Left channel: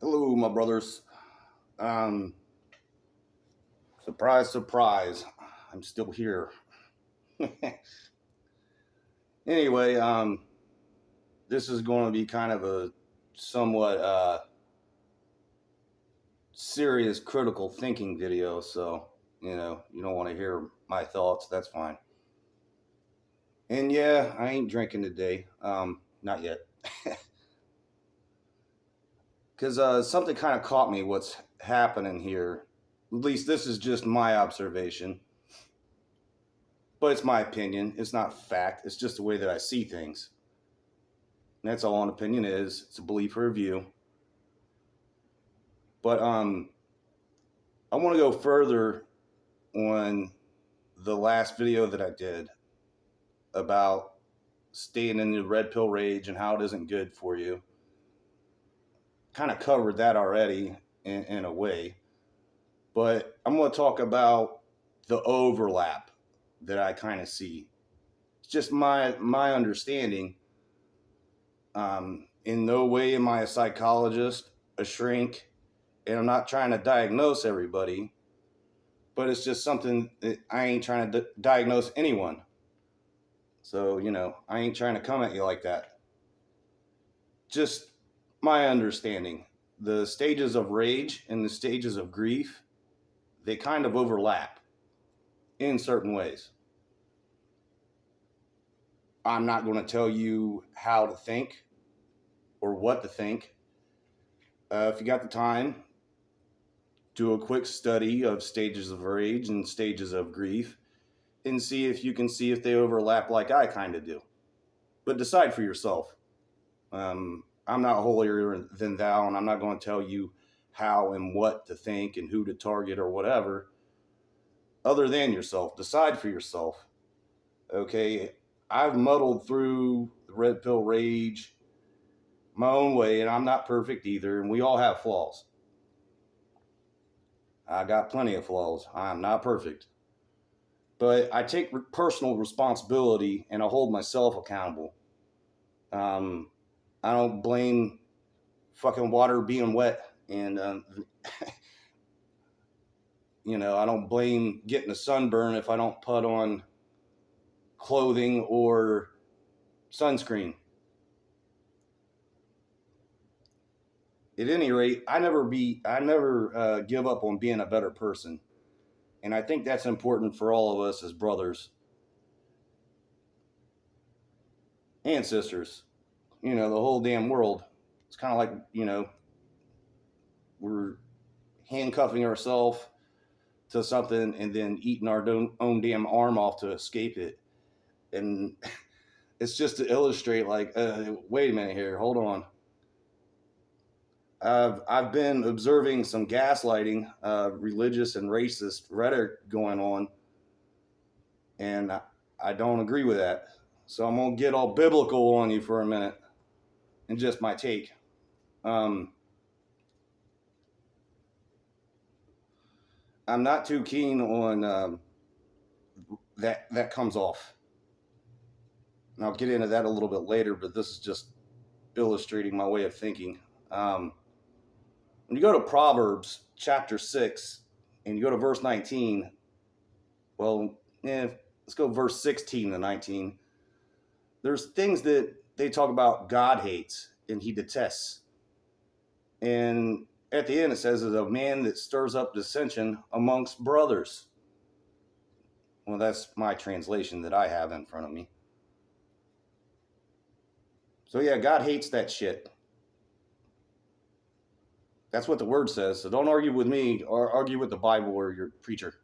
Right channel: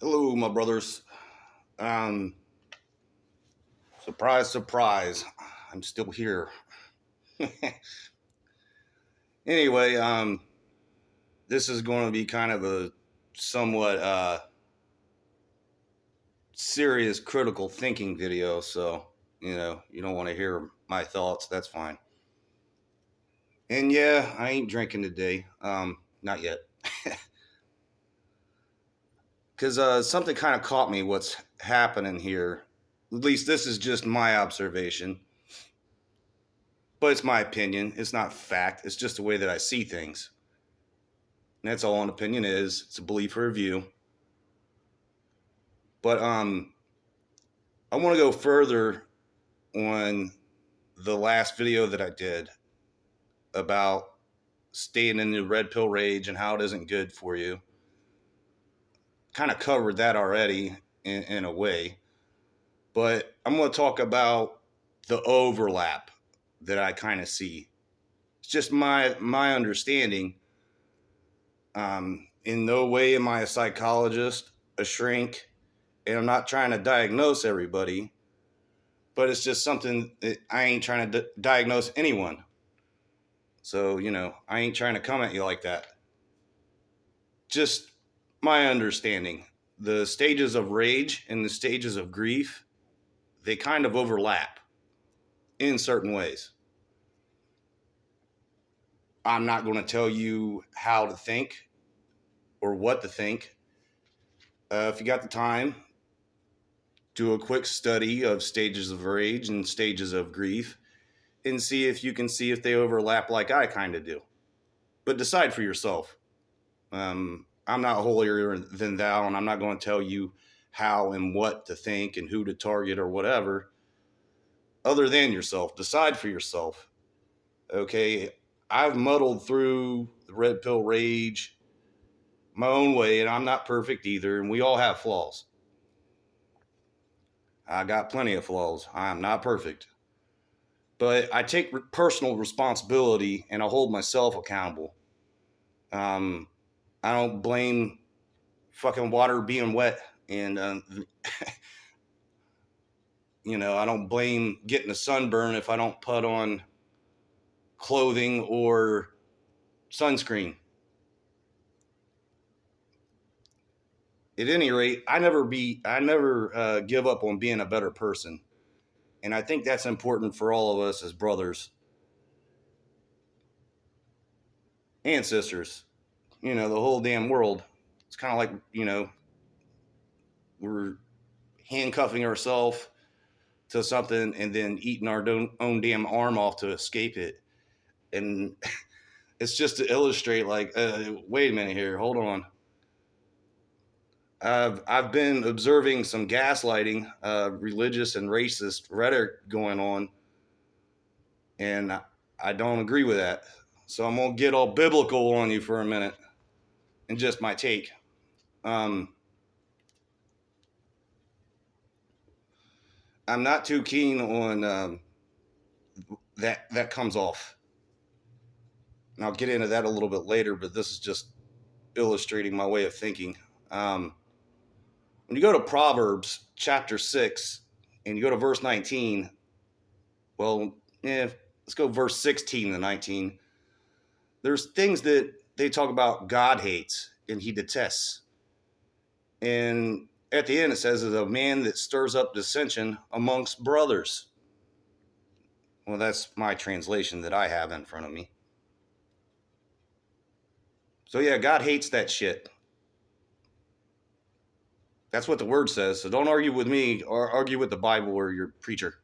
Hello, my brothers. Um, Surprise, surprise. I'm still here. Anyway, this is going to be kind of a somewhat serious critical thinking video, so you don't want to hear my thoughts. That's fine. And yeah, I ain't drinking today. Not yet, because something kind of caught me. What's happening here? At least this is just my observation, but it's my opinion. It's not fact. It's just the way that I see things. And that's all an opinion is. It's a belief or a view. But I want to go further on the last video that I did about staying in the red pill rage and how it isn't good for you. Kind of covered that already in a way. But I'm going to talk about the overlap that I kind of see. It's just my understanding. In no way am I a psychologist, a shrink, and I'm not trying to diagnose everybody, but it's just something that I ain't trying to diagnose anyone. So, I ain't trying to come at you like that. Just my understanding. The stages of rage and the stages of grief, they kind of overlap in certain ways. I'm not going to tell you how to think or what to think. If you got the time, do a quick study of stages of rage and stages of grief and see if you can see if they overlap like I kind of do. But decide for yourself. I'm not holier than thou, and I'm not going to tell you how and what to think and who to target or whatever, other than yourself. Decide for yourself. Okay, I've muddled through the red pill rage my own way, and I'm not perfect either, and we all have flaws. I got plenty of flaws. I'm not perfect. But I take personal responsibility and I hold myself accountable. Um, I don't blame fucking water being wet, and I don't blame getting a sunburn if I don't put on clothing or sunscreen. At any rate, I never give up on being a better person, and I think that's important for all of us as brothers and sisters. The whole damn world. It's kind of like we're handcuffing ourselves to something and then eating our own damn arm off to escape it. And it's just to illustrate, like, wait a minute here, hold on. I've been observing some gaslighting, religious and racist rhetoric going on, and I don't agree with that. So I'm gonna get all biblical on you for a minute, and just my take. I'm not too keen on that comes off. And I'll get into that a little bit later, but this is just illustrating my way of thinking. When you go to Proverbs chapter 6 and you go to verse 19, well, let's go verse 16 to 19. There's things that they talk about God hates and he detests. And at the end, it says, is a man that stirs up dissension amongst brothers. Well, that's my translation that I have in front of me. So, yeah, God hates that shit. That's what the word says. So don't argue with me or argue with the Bible or your preacher.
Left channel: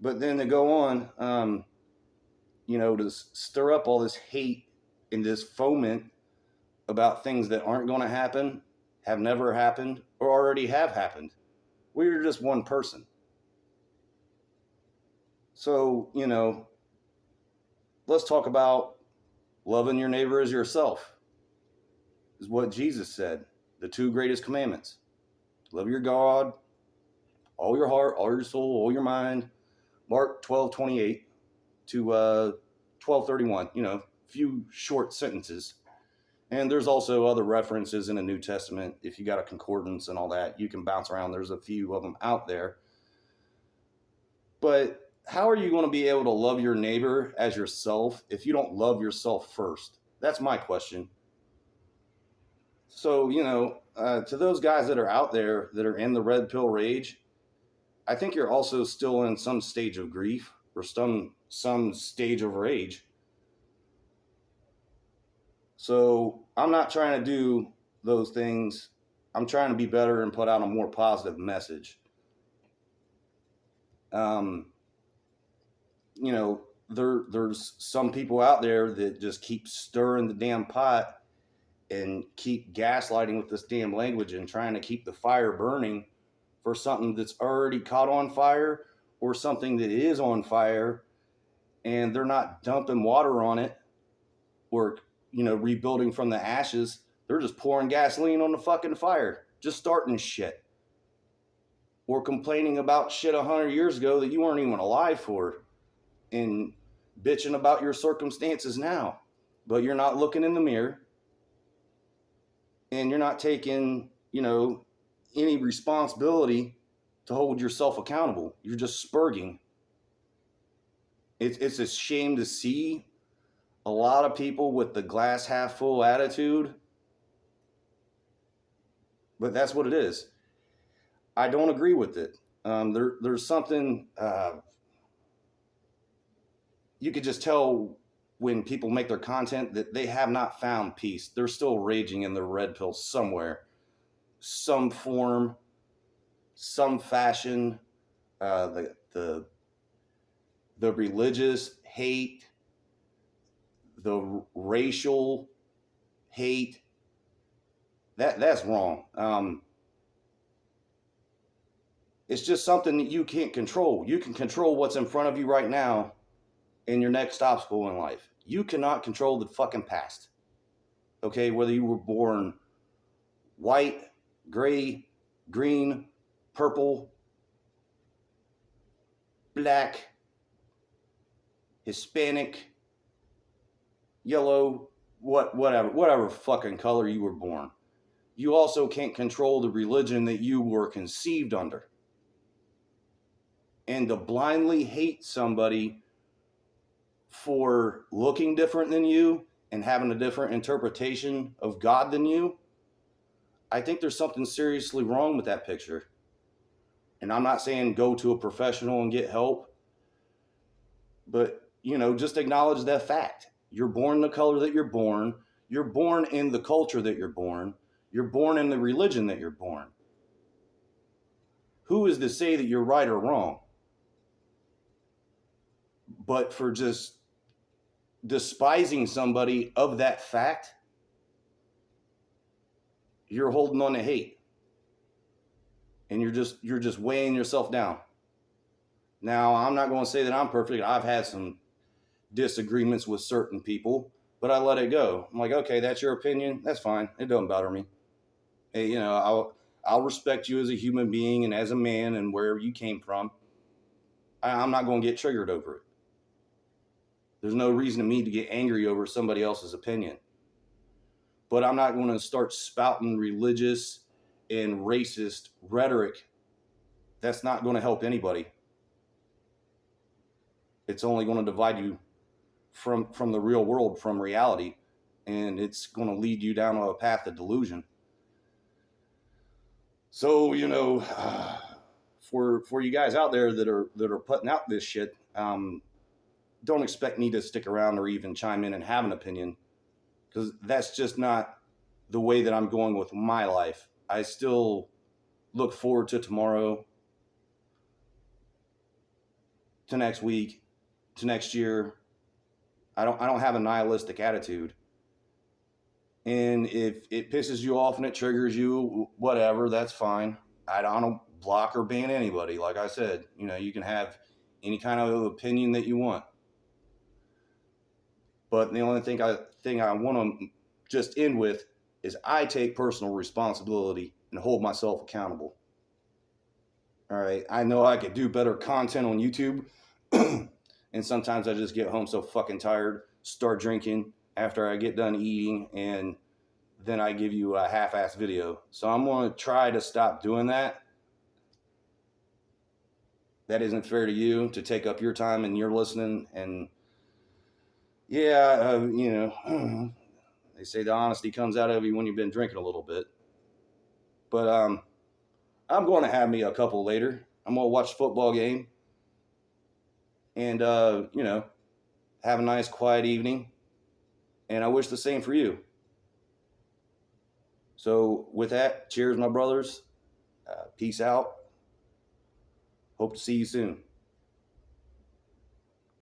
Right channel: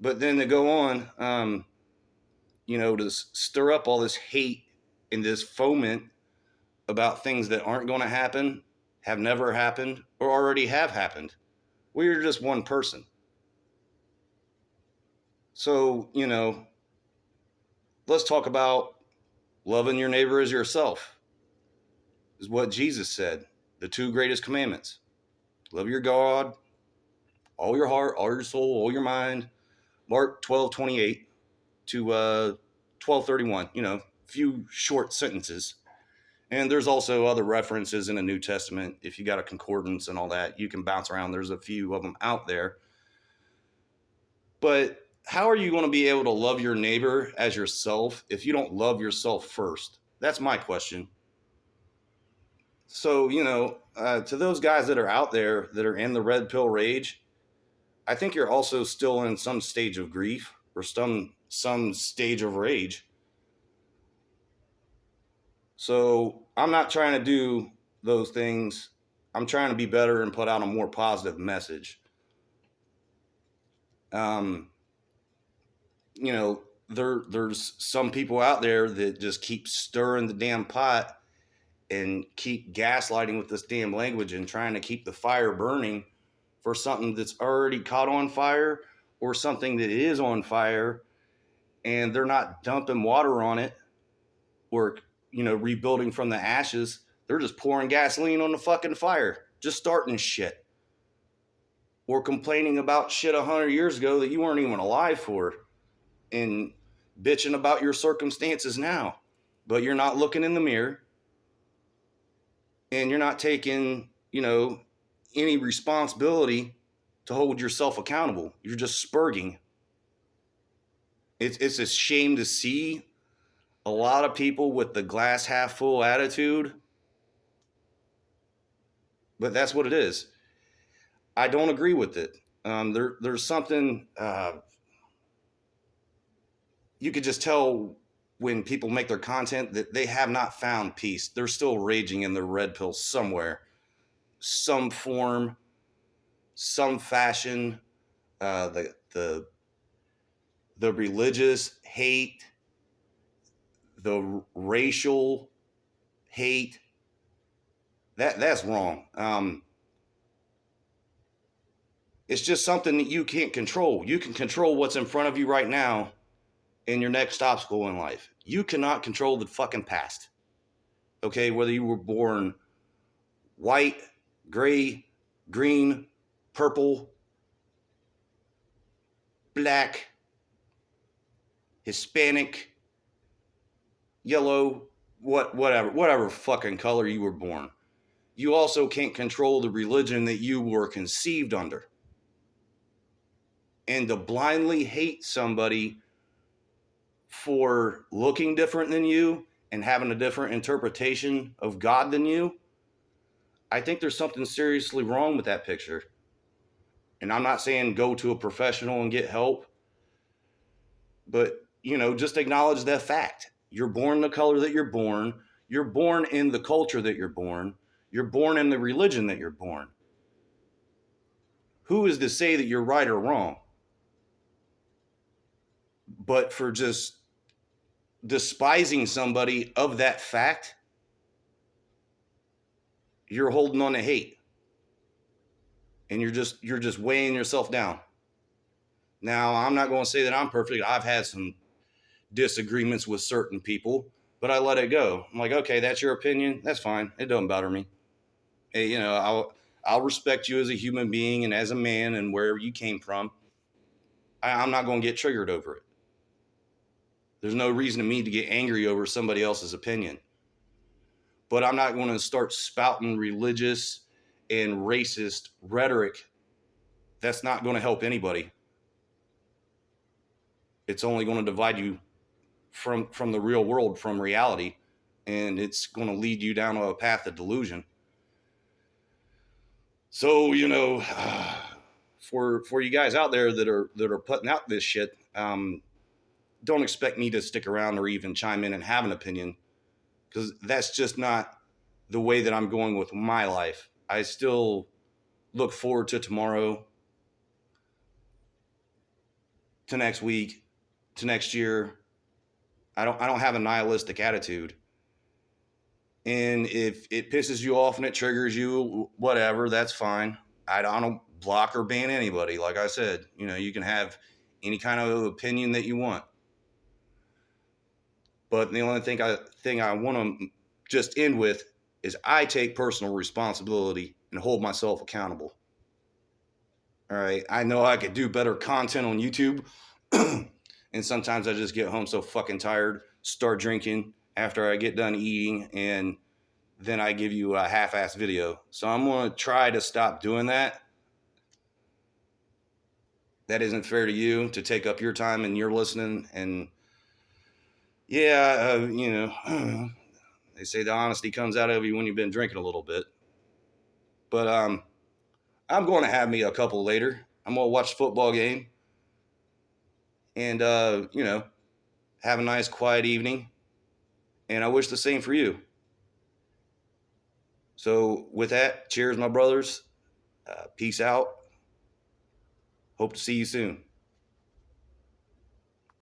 But then to go on, to stir up all this hate and this foment about things that aren't going to happen, have never happened, or already have happened. Well, you're just one person. So, let's talk about loving your neighbor as yourself, is what Jesus said. The two greatest commandments. Love your God, all your heart, all your soul, all your mind. Mark 12:28 to 12:31, few short sentences. And there's also other references in the New Testament. If you got a concordance and all that, you can bounce around. There's a few of them out there. But how are you going to be able to love your neighbor as yourself if you don't love yourself first? That's my question. So, to those guys that are out there that are in the red pill rage, I think you're also still in some stage of grief or some stage of rage. So I'm not trying to do those things. I'm trying to be better and put out a more positive message. Um, there's some people out there that just keep stirring the damn pot and keep gaslighting with this damn language and trying to keep the fire burning for something that's already caught on fire or something that is on fire, and they're not dumping water on it or rebuilding from the ashes. They're just pouring gasoline on the fucking fire, just starting shit, or complaining about shit 100 years ago that you weren't even alive for, and bitching about your circumstances now. But you're not looking in the mirror, and you're not taking any responsibility to hold yourself accountable. You're just spurging. It's a shame to see a lot of people with the glass half full attitude, but that's what it is. I don't agree with it. There's something you could just tell when people make their content that they have not found peace. They're still raging in their red pill somewhere, some form, some fashion. The religious hate, the racial hate, that's wrong. It's just something that you can't control. You can control what's in front of you right now in your next obstacle in life. You cannot control the fucking past. Okay, whether you were born white, gray, green, purple, black, Hispanic, yellow, whatever fucking color you were born. You also can't control the religion that you were conceived under. And to blindly hate somebody for looking different than you and having a different interpretation of God than you, I think there's something seriously wrong with that picture. And I'm not saying go to a professional and get help, but just acknowledge that fact. You're born the color that you're born. You're born in the culture that you're born. You're born in the religion that you're born. Who is to say that you're right or wrong? But for just despising somebody of that fact, you're holding on to hate. And you're just weighing yourself down. Now, I'm not going to say that I'm perfect. I've had some disagreements with certain people, but I let it go. I'm like, okay, that's your opinion. That's fine. It doesn't bother me. Hey, I'll respect you as a human being and as a man and wherever you came from. I'm not going to get triggered over it. There's no reason to me to get angry over somebody else's opinion. But I'm not going to start spouting religious and racist rhetoric. That's not going to help anybody. It's only going to divide you from the real world, from reality, and it's going to lead you down a path of delusion. So, for you guys out there that are putting out this shit, don't expect me to stick around or even chime in and have an opinion, because that's just not the way that I'm going with my life. I still look forward to tomorrow, to next week, to next year. I don't have a nihilistic attitude. And if it pisses you off and it triggers you, whatever, that's fine. I don't block or ban anybody. Like I said, you can have any kind of opinion that you want. But the only thing I want to just end with is I take personal responsibility and hold myself accountable. All right. I know I could do better content on YouTube. And sometimes I just get home so fucking tired, start drinking after I get done eating, and then I give you a half-assed video. So I'm going to try to stop doing that. That isn't fair to you to take up your time and you're listening. And yeah, they say the honesty comes out of you when you've been drinking a little bit. But I'm going to have me a couple later. I'm going to watch the football game and, have a nice quiet evening. And I wish the same for you. So with that, cheers, my brothers. Peace out. Hope to see you soon.